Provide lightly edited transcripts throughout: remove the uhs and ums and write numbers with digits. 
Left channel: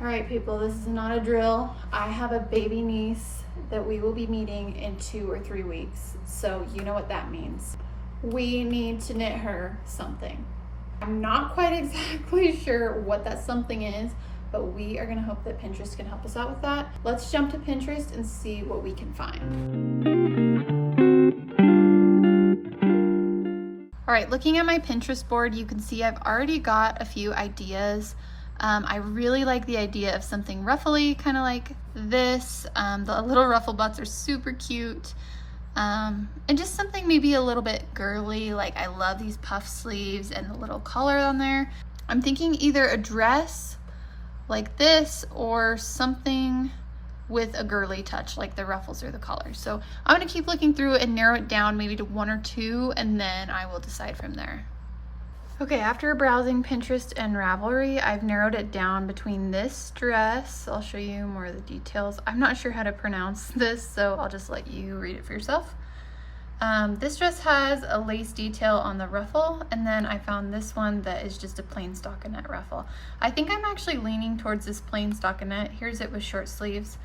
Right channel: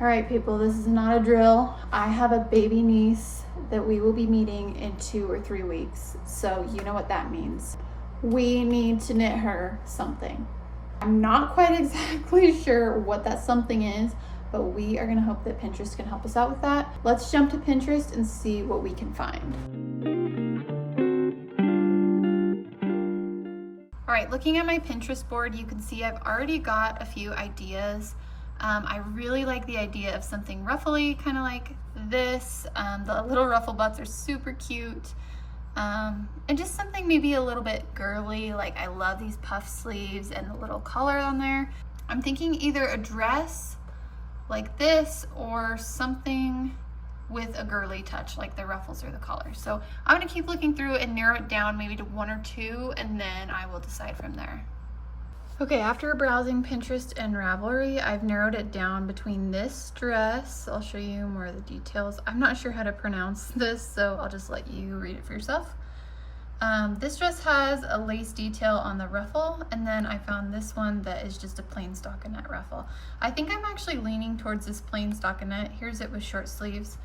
All right, people, this is not a drill. I have a baby niece that we will be meeting in 2 or 3 weeks. So you know what that means. We need to knit her something. I'm not quite exactly sure what that something is, but we are gonna hope that Pinterest can help us out with that. Let's jump to Pinterest and see what we can find. All right, looking at my Pinterest board, you can see I've already got a few ideas. I really like the idea of something ruffly, kind of like this. The little ruffle butts are super cute. And just something maybe a little bit girly, like I love these puff sleeves and the little collar on there. I'm thinking either a dress like this or something with a girly touch like the ruffles or the collar. So I'm gonna keep looking through and narrow it down maybe to 1 or 2, and then I will decide from there. Okay, after browsing Pinterest and Ravelry, I've narrowed it down between this dress. I'll show you more of the details. I'm not sure how to pronounce this, so I'll just let you read it for yourself. This dress has a lace detail on the ruffle, and then I found this one that is just a plain stockinette ruffle. I think I'm actually leaning towards this plain stockinette. Here's it with short sleeves.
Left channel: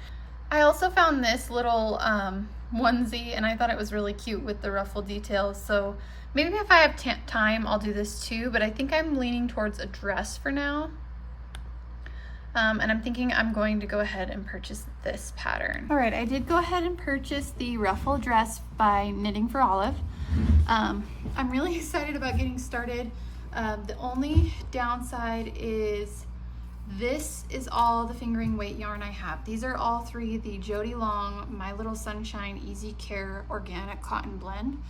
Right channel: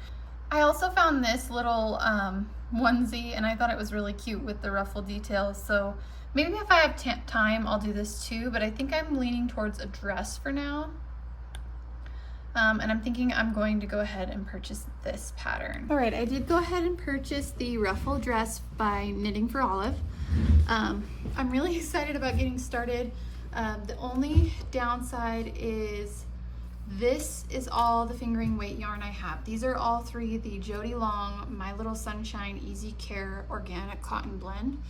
I also found this little onesie, and I thought it was really cute with the ruffle details, so maybe if I have time, I'll do this too, but I think I'm leaning towards a dress for now. And I'm thinking I'm going to go ahead and purchase this pattern. All right, I did go ahead and purchase the ruffle dress by Knitting for Olive. I'm really excited about getting started. The only downside is this is all the fingering weight yarn I have. These are all 3 the Jody Long My Little Sunshine Easy Care Organic Cotton Blend.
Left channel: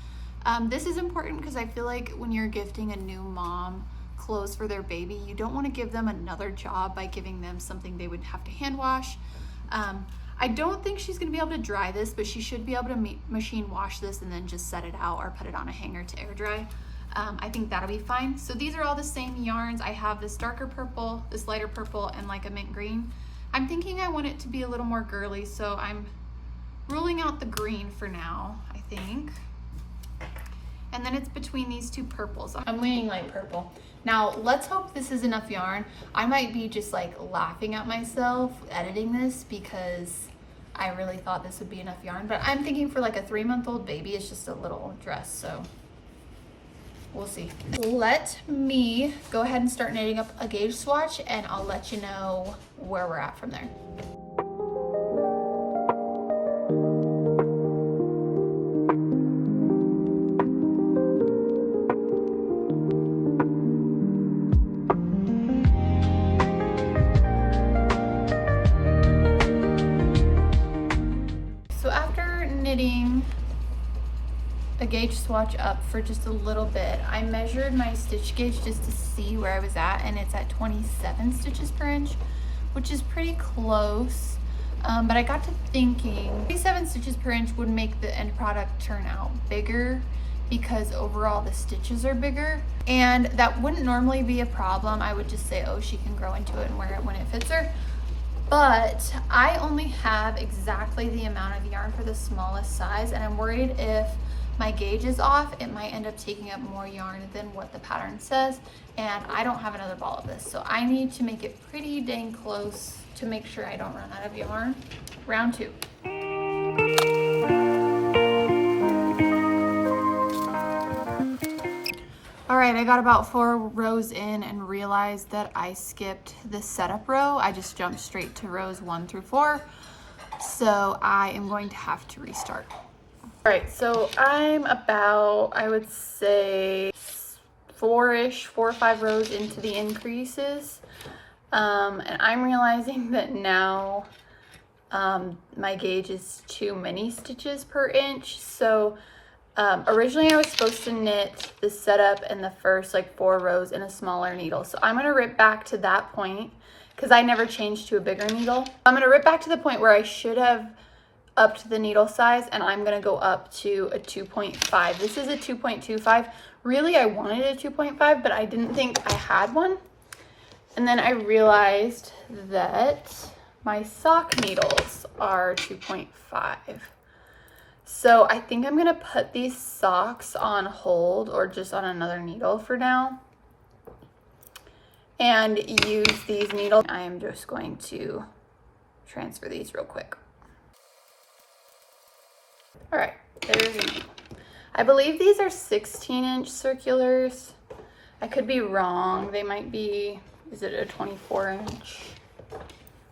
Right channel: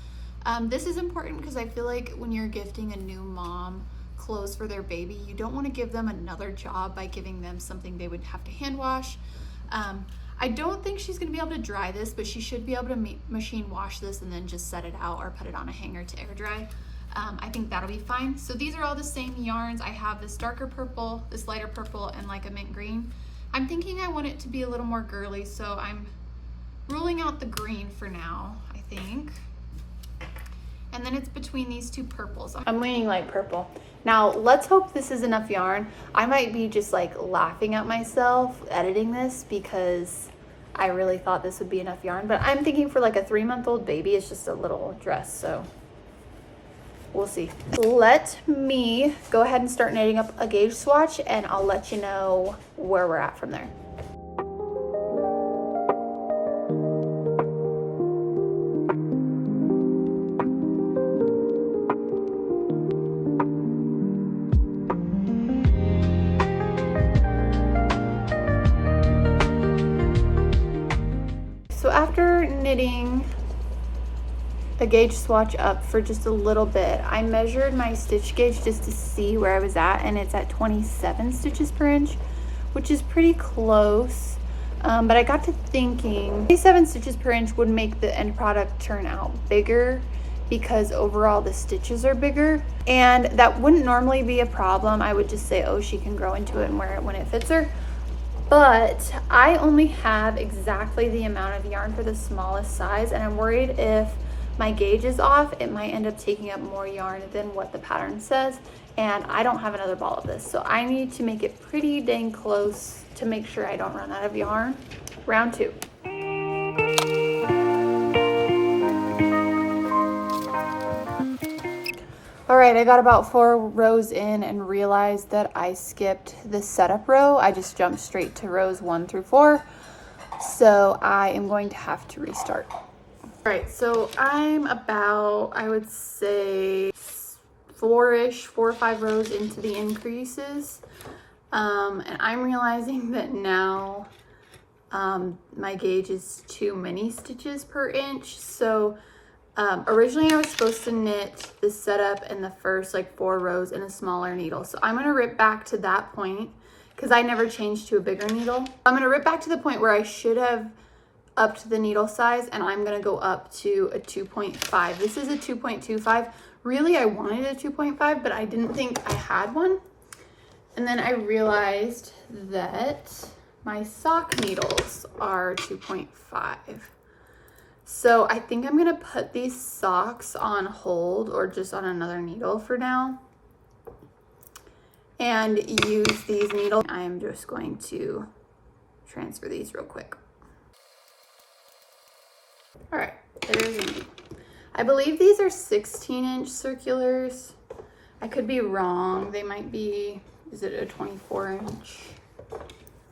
This is important because I feel like when you're gifting a new mom clothes for their baby, you don't want to give them another job by giving them something they would have to hand wash. I don't think she's going to be able to dry this, but she should be able to machine wash this and then just set it out or put it on a hanger to air dry. I think that'll be fine. So these are all the same yarns. I have this darker purple, this lighter purple, and like a mint green. I'm thinking I want it to be a little more girly, so I'm ruling out the green for now, I think. And then it's between these 2 purples. I'm leaning light purple. Now, let's hope this is enough yarn. I might be just like laughing at myself editing this because I really thought this would be enough yarn, but I'm thinking for like a 3-month-old baby, it's just a little dress, so we'll see. Let me go ahead and start knitting up a gauge swatch, and I'll let you know where we're at from there. So after knitting a gauge swatch up for just a little bit, I measured my stitch gauge just to see where I was at, and it's at 27 stitches per inch, which is pretty close. But I got to thinking 27 stitches per inch would make the end product turn out bigger because overall the stitches are bigger, and that wouldn't normally be a problem. I would just say, oh, she can grow into it and wear it when it fits her. But I only have exactly the amount of yarn for the smallest size, and I'm worried if my gauge is off, it might end up taking up more yarn than what the pattern says, and I don't have another ball of this, so I need to make it pretty dang close to make sure I don't run out of yarn. Round 2. All right, I got about 4 rows in and realized that I skipped the setup row. I just jumped straight to rows 1 through 4. So I am going to have to restart. All right, so I'm about, I would say 4 or 5 rows into the increases. And I'm realizing that now my gauge is too many stitches per inch. So originally I was supposed to knit the setup and the first like 4 rows in a smaller needle. So I'm gonna rip back to that point because I never changed to a bigger needle. I'm gonna rip back to the point where I should have upped the needle size, and I'm gonna go up to a 2.5. This is a 2.25. Really, I wanted a 2.5, but I didn't think I had one. And then I realized that my sock needles are 2.5. So I think I'm gonna put these socks on hold or just on another needle for now. and use these needles. I am just going to transfer these real quick. All right, there's a needle. I believe these are 16-inch circulars. I could be wrong. They might be, is it a 24-inch?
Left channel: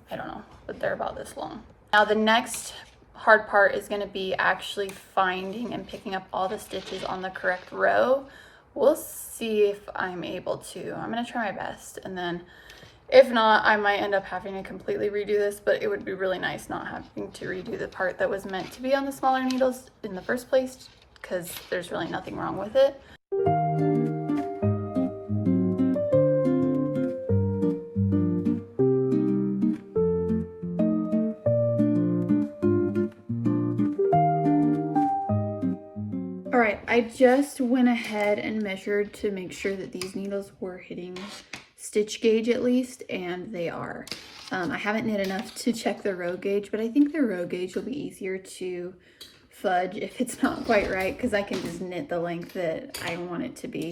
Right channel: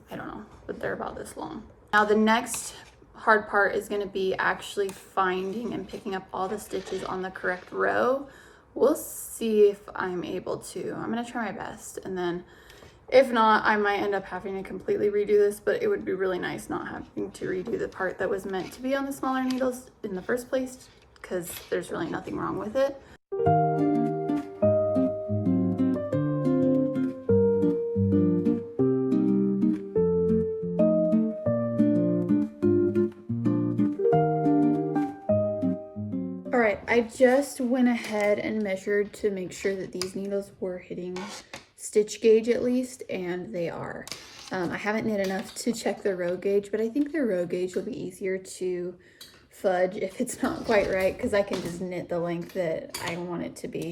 I don't know, but they're about this long. Now the next hard part is going to be actually finding and picking up all the stitches on the correct row. We'll see if I'm able to. I'm going to try my best, and then if not, I might end up having to completely redo this, but it would be really nice not having to redo the part that was meant to be on the smaller needles in the first place, because there's really nothing wrong with it. All right, I just went ahead and measured to make sure that these needles were hitting stitch gauge at least, and they are. I haven't knit enough to check the row gauge, but I think the row gauge will be easier to fudge if it's not quite right, because I can just knit the length that I want it to be.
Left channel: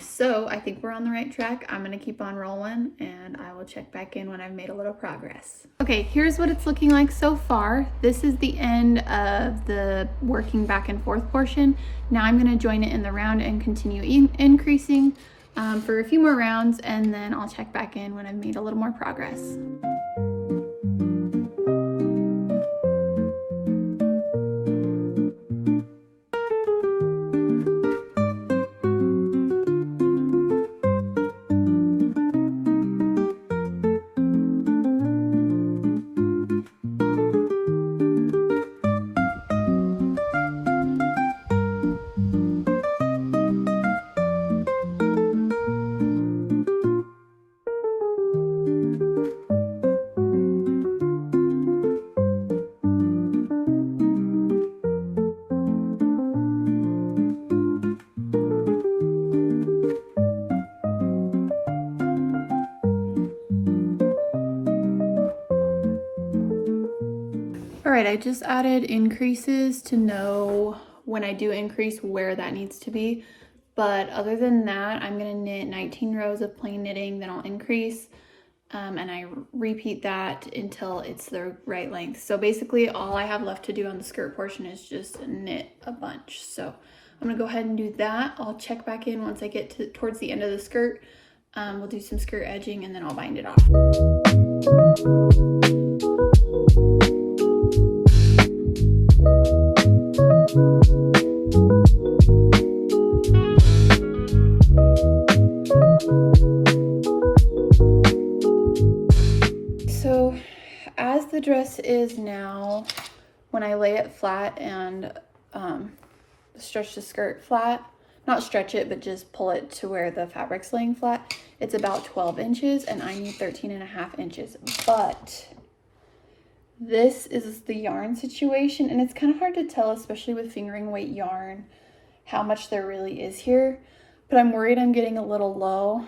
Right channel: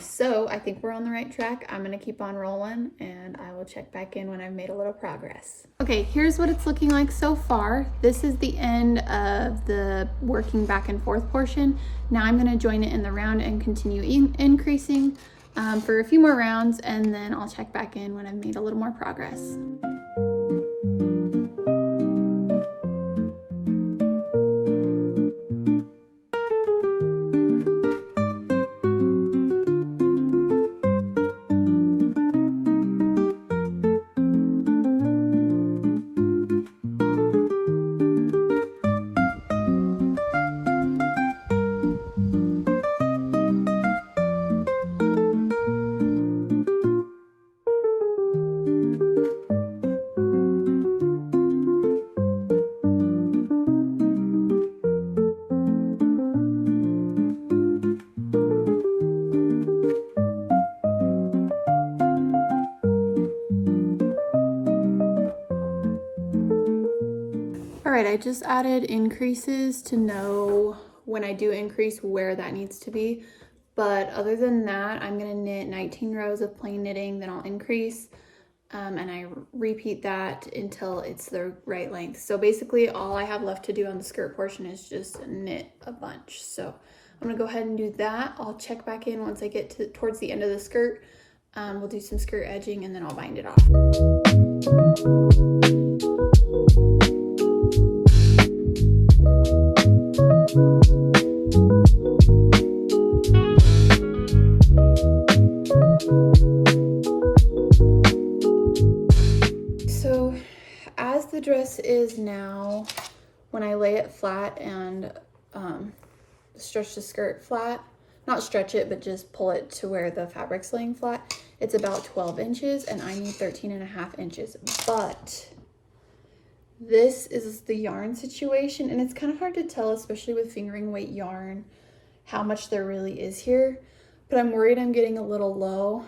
So I think we're on the right track. I'm gonna keep on rolling, and I will check back in when I've made a little progress. Okay, here's what it's looking like so far. This is the end of the working back and forth portion. Now I'm gonna join it in the round and continue increasing for a few more rounds, and then I'll check back in when I've made a little more progress. All right, I just added increases to know when I do increase where that needs to be. But other than that, I'm gonna knit 19 rows of plain knitting, then I'll increase, and I repeat that until it's the right length. So basically all I have left to do on the skirt portion is just knit a bunch. So I'm gonna go ahead and do that. I'll check back in once I get towards the end of the skirt. We'll do some skirt edging, and then I'll bind it off. So as the dress is now, when I lay it flat and stretch the skirt flat, not stretch it, but just pull it to where the fabric's laying flat, it's about 12 inches, and I need 13.5 inches. But this is the yarn situation, and it's kind of hard to tell, especially with fingering weight yarn, how much there really is here. But I'm worried I'm getting a little low.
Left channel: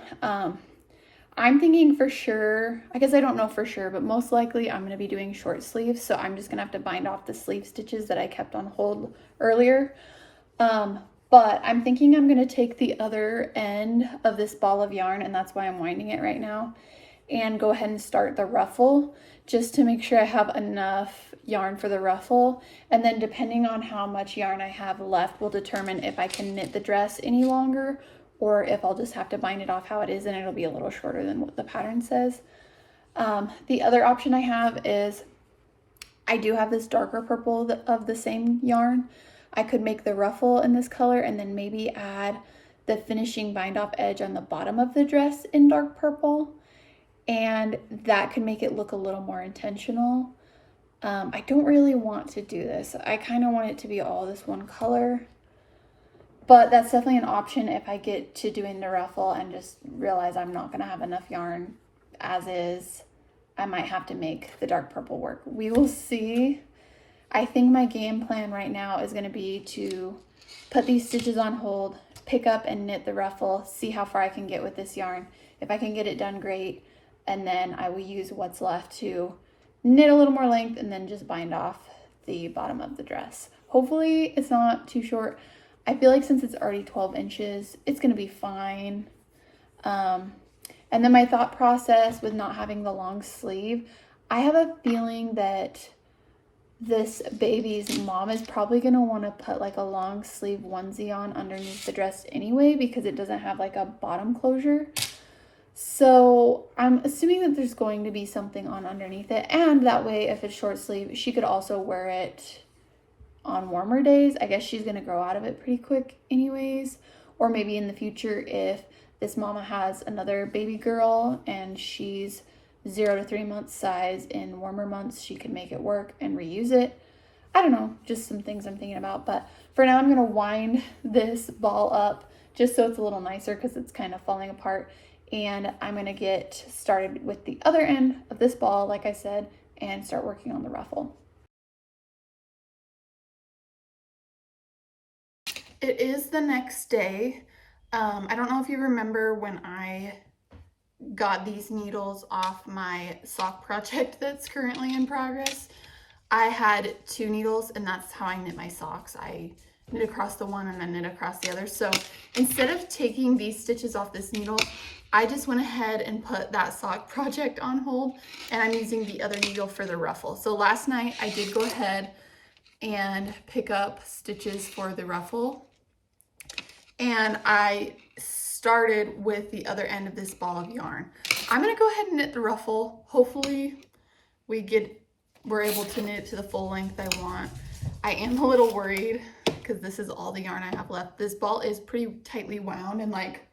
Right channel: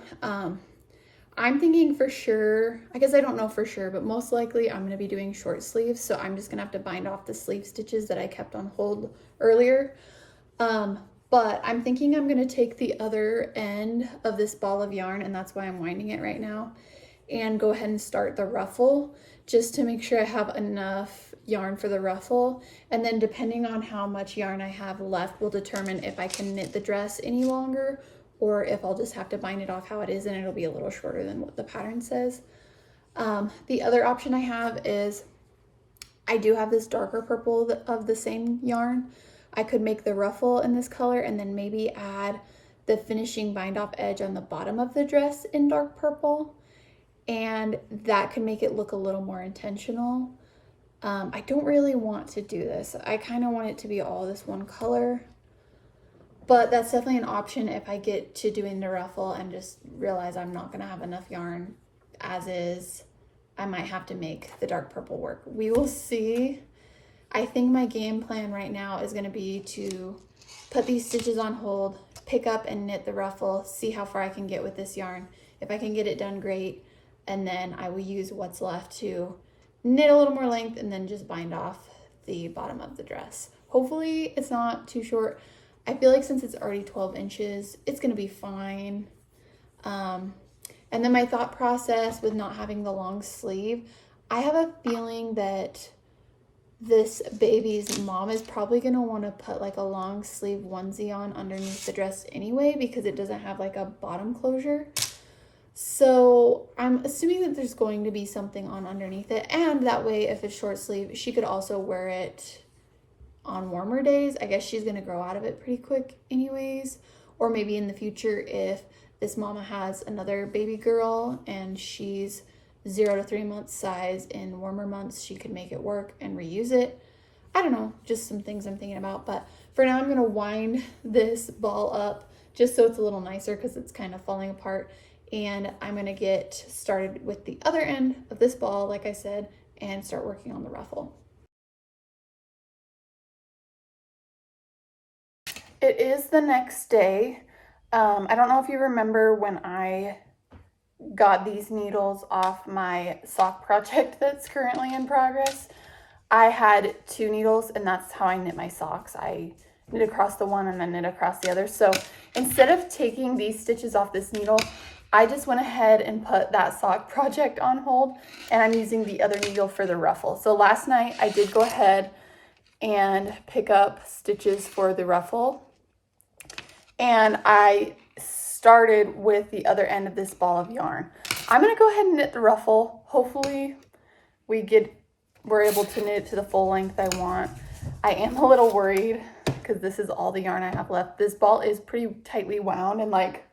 I'm thinking for sure, I guess I don't know for sure, but most likely I'm gonna be doing short sleeves. So I'm just gonna have to bind off the sleeve stitches that I kept on hold earlier. But I'm thinking I'm gonna take the other end of this ball of yarn, and that's why I'm winding it right now, and go ahead and start the ruffle just to make sure I have enough yarn for the ruffle. And then depending on how much yarn I have left will determine if I can knit the dress any longer, or if I'll just have to bind it off how it is and it'll be a little shorter than what the pattern says. The other option I have is, I do have this darker purple of the same yarn. I could make the ruffle in this color and then maybe add the finishing bind off edge on the bottom of the dress in dark purple, and that could make it look a little more intentional. I don't really want to do this. I kind of want it to be all this one color, but that's definitely an option if I get to doing the ruffle and just realize I'm not gonna have enough yarn as is. I might have to make the dark purple work. We will see. I think my game plan right now is gonna be to put these stitches on hold, pick up and knit the ruffle, see how far I can get with this yarn. If I can get it done, great. And then I will use what's left to knit a little more length and then just bind off the bottom of the dress. Hopefully it's not too short. I feel like since it's already 12 inches, it's gonna be fine. And then my thought process with not having the long sleeve, I have a feeling that this baby's mom is probably going to want to put like a long sleeve onesie on underneath the dress anyway, because it doesn't have like a bottom closure. So I'm assuming that there's going to be something on underneath it, and that way if it's short sleeve, she could also wear it on warmer days. I guess she's going to grow out of it pretty quick anyways. Or maybe in the future, if this mama has another baby girl and she's 0 to 3 months size in warmer months, she could make it work and reuse it. I don't know, just some things I'm thinking about. But for now, I'm going to wind this ball up just so it's a little nicer because it's kind of falling apart. And I'm going to get started with the other end of this ball, like I said, and start working on the ruffle. It is the next day. I don't know if you remember when I got these needles off my sock project that's currently in progress. I had 2 needles, and that's how I knit my socks. I knit across the one and then knit across the other. So instead of taking these stitches off this needle, I just went ahead and put that sock project on hold, and I'm using the other needle for the ruffle. So last night I did go ahead and pick up stitches for the ruffle, and I started with the other end of this ball of yarn. I'm gonna go ahead and knit the ruffle. Hopefully we're able to knit it to the full length I want. I am a little worried because this is all the yarn I have left. This ball is pretty tightly wound, and like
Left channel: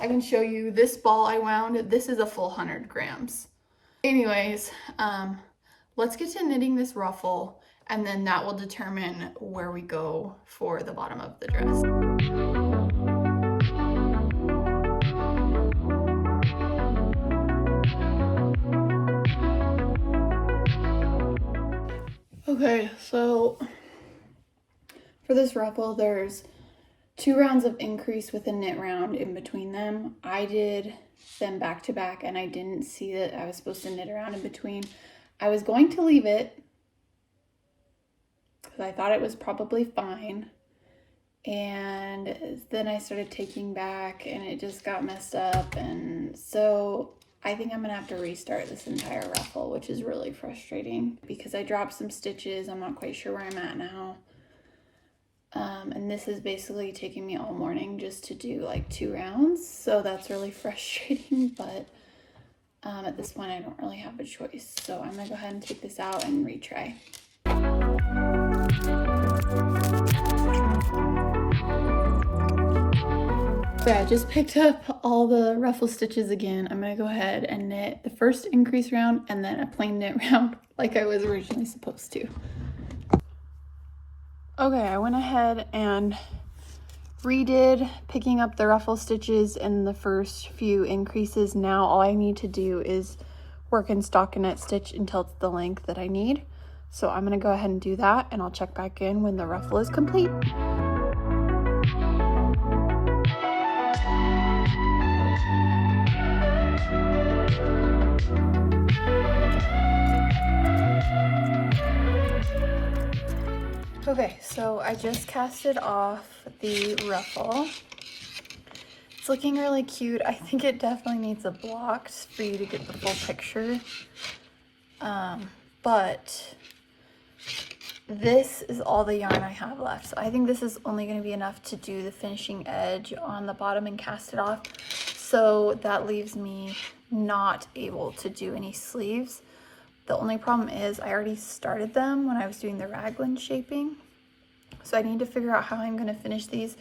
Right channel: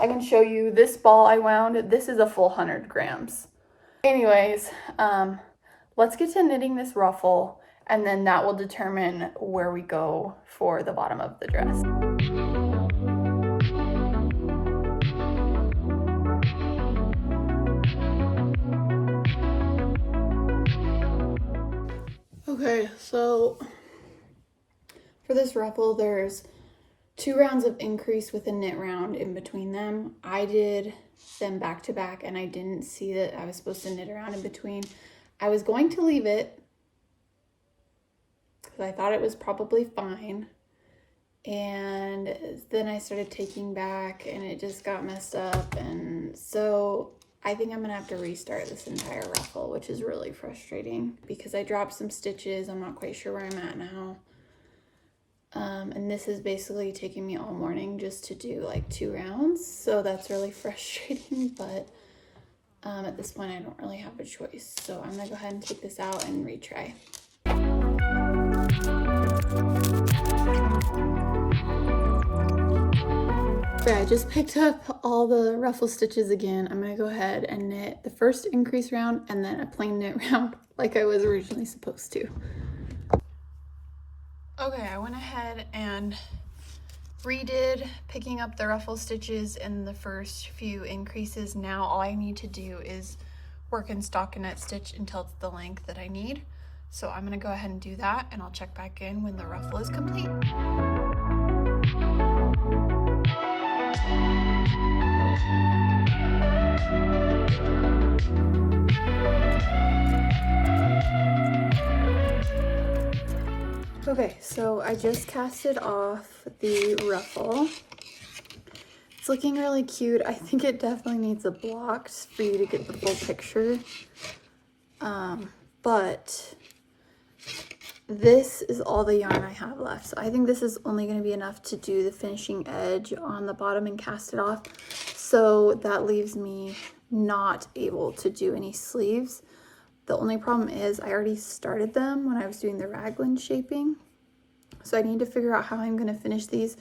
I can show you this ball I wound, this is a full 100 grams. Anyways, let's get to knitting this ruffle, and then that will determine where we go for the bottom of the dress. Okay, so for this ruffle, there's 2 rounds of increase with a knit round in between them. I did them back to back, and I didn't see that I was supposed to knit around in between. I was going to leave it because I thought it was probably fine. And then I started taking back, and it just got messed up. And so I think I'm gonna have to restart this entire ruffle, which is really frustrating because I dropped some stitches. I'm not quite sure where I'm at now. And this is basically taking me all morning just to do like 2 rounds. So that's really frustrating, but at this point I don't really have a choice. So I'm gonna go ahead and take this out and retry. Okay, I just picked up all the ruffle stitches again. I'm gonna go ahead and knit the first increase round and then a plain knit round like I was originally supposed to. Okay, I went ahead and redid picking up the ruffle stitches in the first few increases. Now all I need to do is work in stockinette stitch until it's the length that I need. So I'm gonna go ahead and do that, and I'll check back in when the ruffle is complete. Okay, so I just casted off the ruffle. It's looking really cute. I think it definitely needs a block for you to get the full picture. But this is all the yarn I have left. So I think this is only going to be enough to do the finishing edge on the bottom and cast it off. So that leaves me not able to do any sleeves. The only problem is I already started them when I was doing the raglan shaping. So I need to figure out how I'm going to finish these,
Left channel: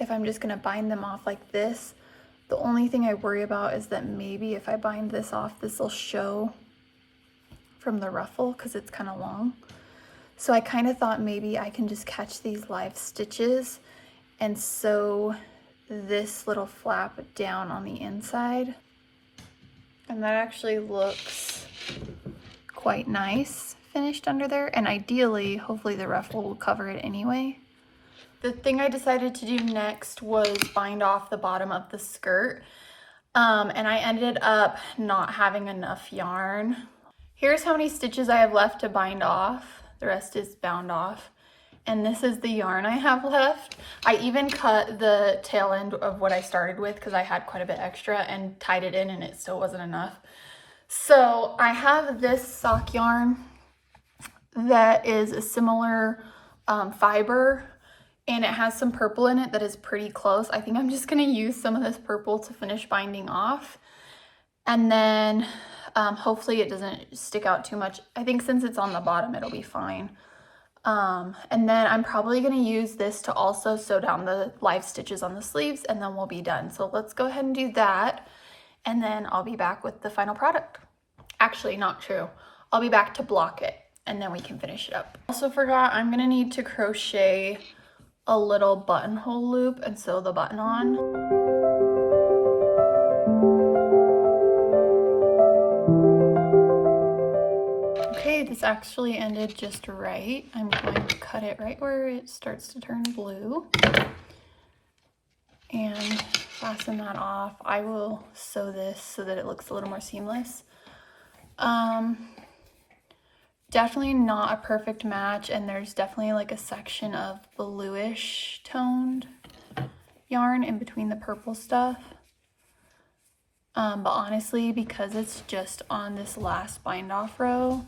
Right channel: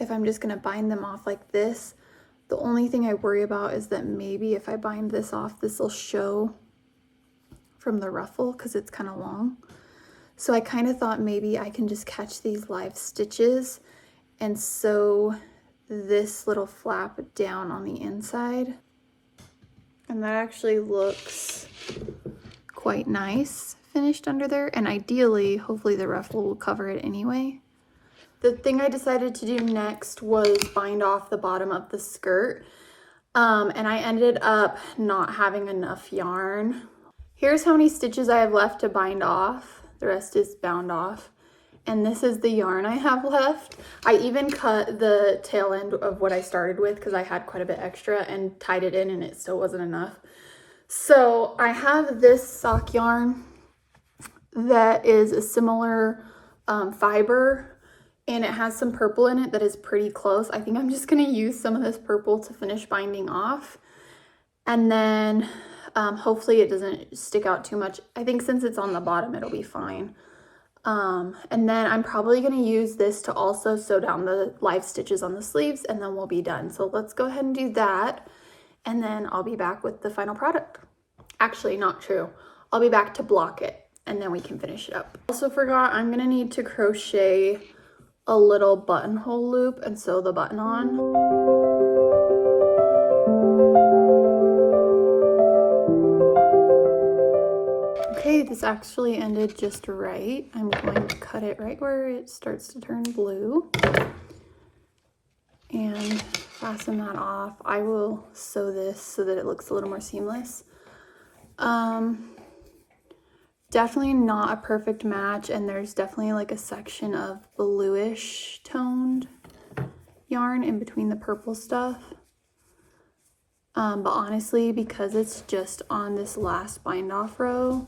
if I'm just going to bind them off like this. The only thing I worry about is that maybe if I bind this off, this will show from the ruffle because it's kind of long. So I kind of thought maybe I can just catch these live stitches and sew this little flap down on the inside. And that actually looks quite nice finished under there, and ideally hopefully the ruffle will cover it anyway. The thing I decided to do next was bind off the bottom of the skirt, and I ended up not having enough yarn. Here's how many stitches I have left to bind off. The rest is bound off, and this is the yarn I have left. I even cut the tail end of what I started with because I had quite a bit extra and tied it in, and it still wasn't enough. So I have this sock yarn that is a similar fiber, and it has some purple in it that is pretty close. I think I'm just gonna use some of this purple to finish binding off, and then hopefully it doesn't stick out too much. I think since it's on the bottom, it'll be fine. And then I'm probably gonna use this to also sew down the live stitches on the sleeves, and then we'll be done. So let's go ahead and do that, and then I'll be back with the final product. Actually, not true. I'll be back to block it, and then we can finish it up. Also forgot, I'm gonna need to crochet a little buttonhole loop and sew the button on. Okay, this actually ended just right. I'm going to cut it right where it starts to turn blue and fasten that off. I will sew this so that it looks a little more seamless. Definitely not a perfect match, and there's definitely like a section of bluish toned yarn in between the purple stuff. But honestly, because it's just on this last bind off row,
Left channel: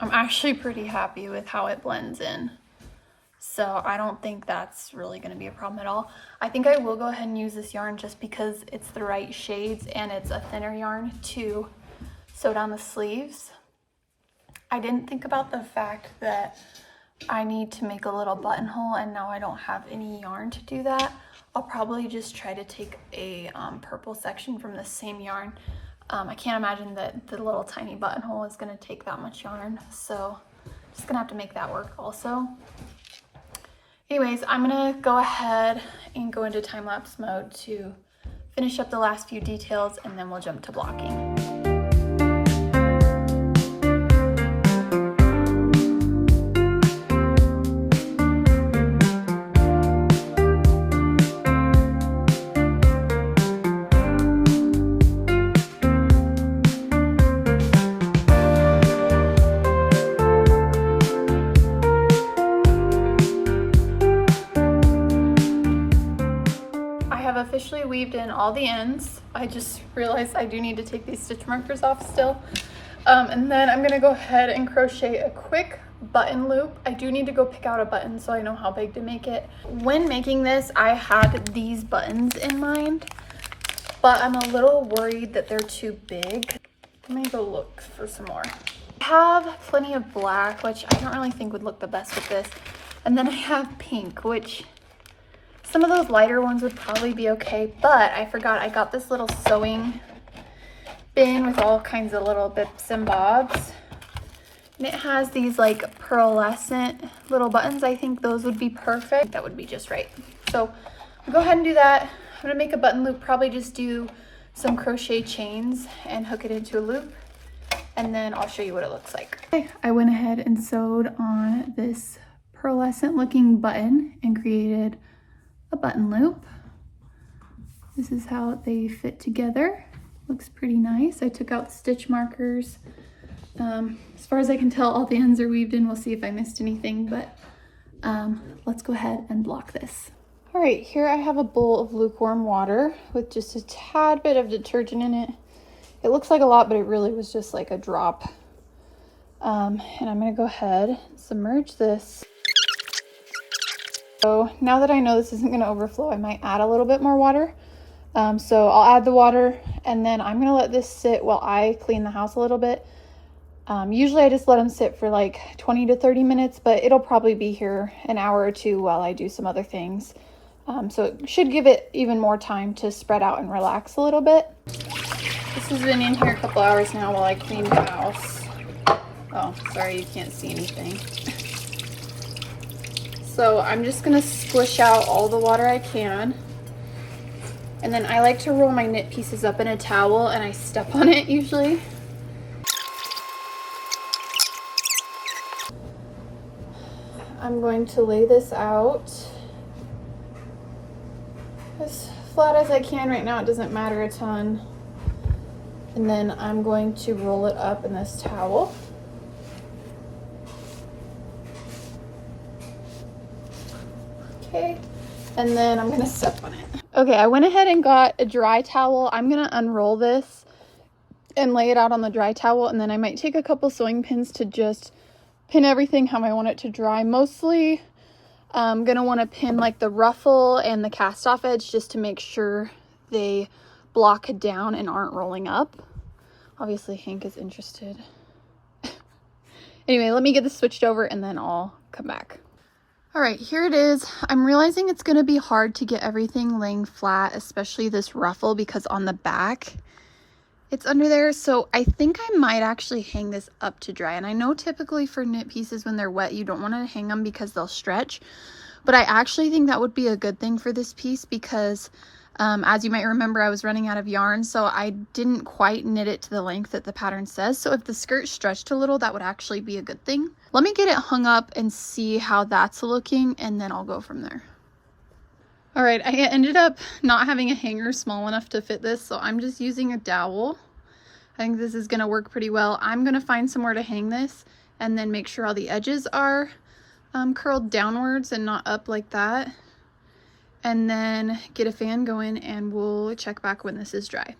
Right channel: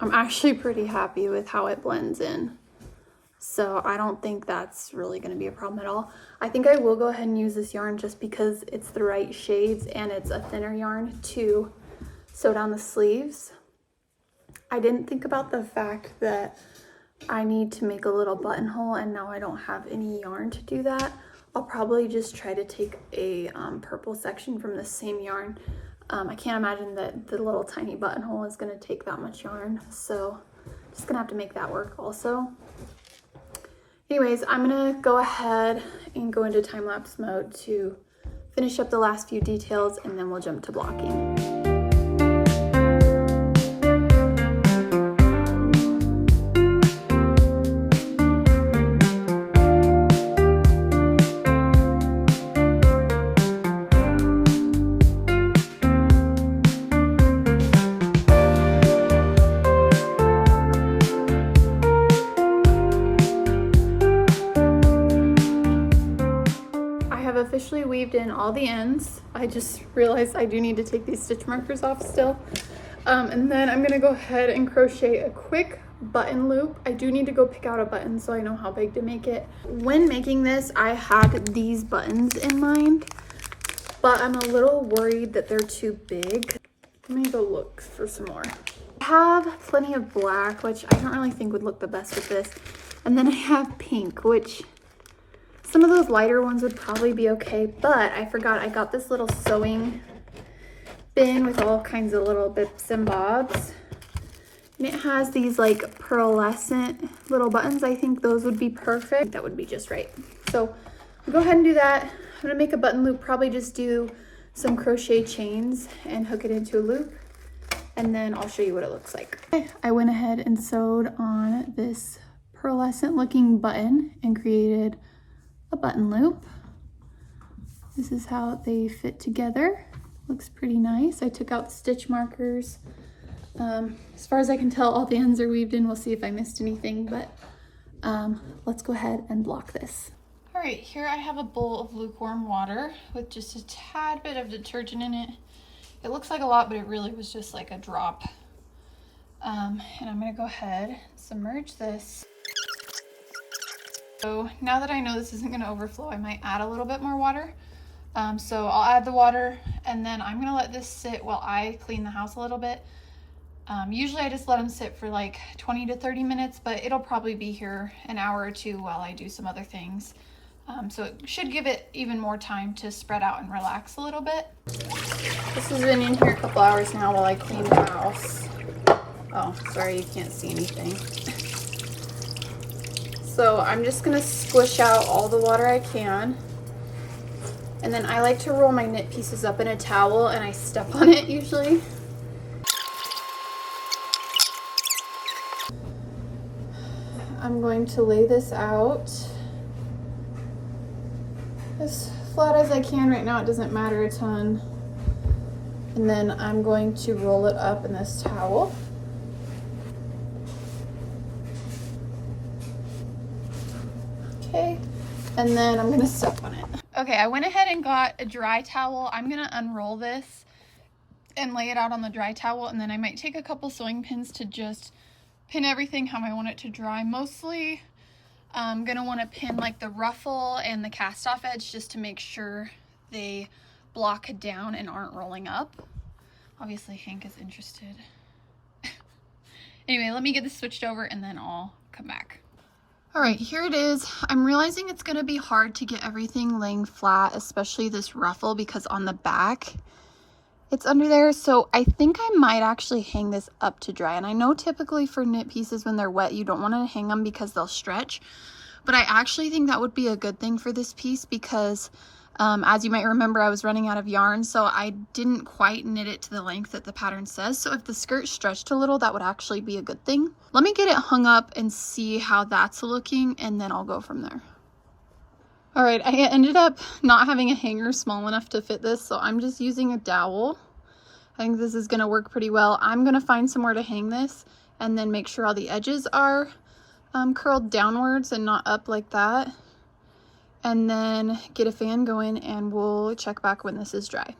I'm actually pretty happy with how it blends in. So I don't think that's really going to be a problem at all. I think I will go ahead and use this yarn just because it's the right shades and it's a thinner yarn to sew down the sleeves. I didn't think about the fact that I need to make a little buttonhole, and now I don't have any yarn to do that. I'll probably just try to take a purple section from the same yarn. I can't imagine that the little tiny buttonhole is going to take that much yarn, so just gonna have to make that work also. Anyways, I'm gonna go ahead and go into time-lapse mode to finish up the last few details, and then we'll jump to blocking. Officially weaved in all the ends. I just realized I do need to take these stitch markers off still. And then I'm gonna go ahead and crochet a quick button loop. I do need to go pick out a button so I know how big to make it. When making this, I had these buttons in mind, but I'm a little worried that they're too big. Let me go look for some more. I have plenty of black, which I don't really think would look the best with this. And then I have pink, which some of those lighter ones would probably be okay, but I forgot I got this little sewing bin with all kinds of little bits and bobs. And it has these like pearlescent little buttons. I think those would be perfect. That would be just right. So I'll go ahead and do that. I'm gonna make a button loop, probably just do some crochet chains and hook it into a loop. And then I'll show you what it looks like. Okay, I went ahead and sewed on this pearlescent looking button and created a button loop. This is how they fit together. Looks pretty nice. I took out stitch markers. As far as I can tell, all the ends are weaved in. We'll see if I missed anything, but let's go ahead and block this. All right, here I have a bowl of lukewarm water with just a tad bit of detergent in it. It looks like a lot, but it really was just like a drop. And I'm gonna go ahead and submerge this. So now that I know this isn't gonna overflow, I might add a little bit more water. So I'll add the water, and then I'm gonna let this sit while I clean the house a little bit. Usually I just let them sit for like 20 to 30 minutes, but it'll probably be here an hour or two while I do some other things. So it should give it even more time to spread out and relax a little bit. This has been in here a couple hours now while I clean the house. Oh, sorry, you can't see anything. So I'm just gonna squish out all the water I can. And then I like to roll my knit pieces up in a towel, and I step on it usually. I'm going to lay this out as flat as I can. Right now it doesn't matter a ton. And then I'm going to roll it up in this towel. okay. And then I'm gonna step on it. Okay, I went ahead and got a dry towel. I'm gonna unroll this and lay it out on the dry towel, and then I might take a couple sewing pins to just pin everything how I want it to dry. Mostly I'm gonna want to pin like the ruffle and the cast off edge just to make sure they block down and aren't rolling up. Obviously Hank is interested. Anyway, let me get this switched over and then I'll come back. All right, here it is. I'm realizing it's gonna be hard to get everything laying flat, especially this ruffle, because on the back it's under there. So I think I might actually hang this up to dry. And I know typically for knit pieces when they're wet, you don't want to hang them because they'll stretch. But I actually think that would be a good thing for this piece because as you might remember, I was running out of yarn. So I didn't quite knit it to the length that the pattern says. So if the skirt stretched a little, that would actually be a good thing. Let me get it hung up and see how that's looking, and then I'll go from there. All right, I ended up not having a hanger small enough to fit this, so I'm just using a dowel. I think this is gonna work pretty well. I'm gonna find somewhere to hang this and then make sure all the edges are curled downwards and not up like that. And then get a fan going and we'll check back when this is dry.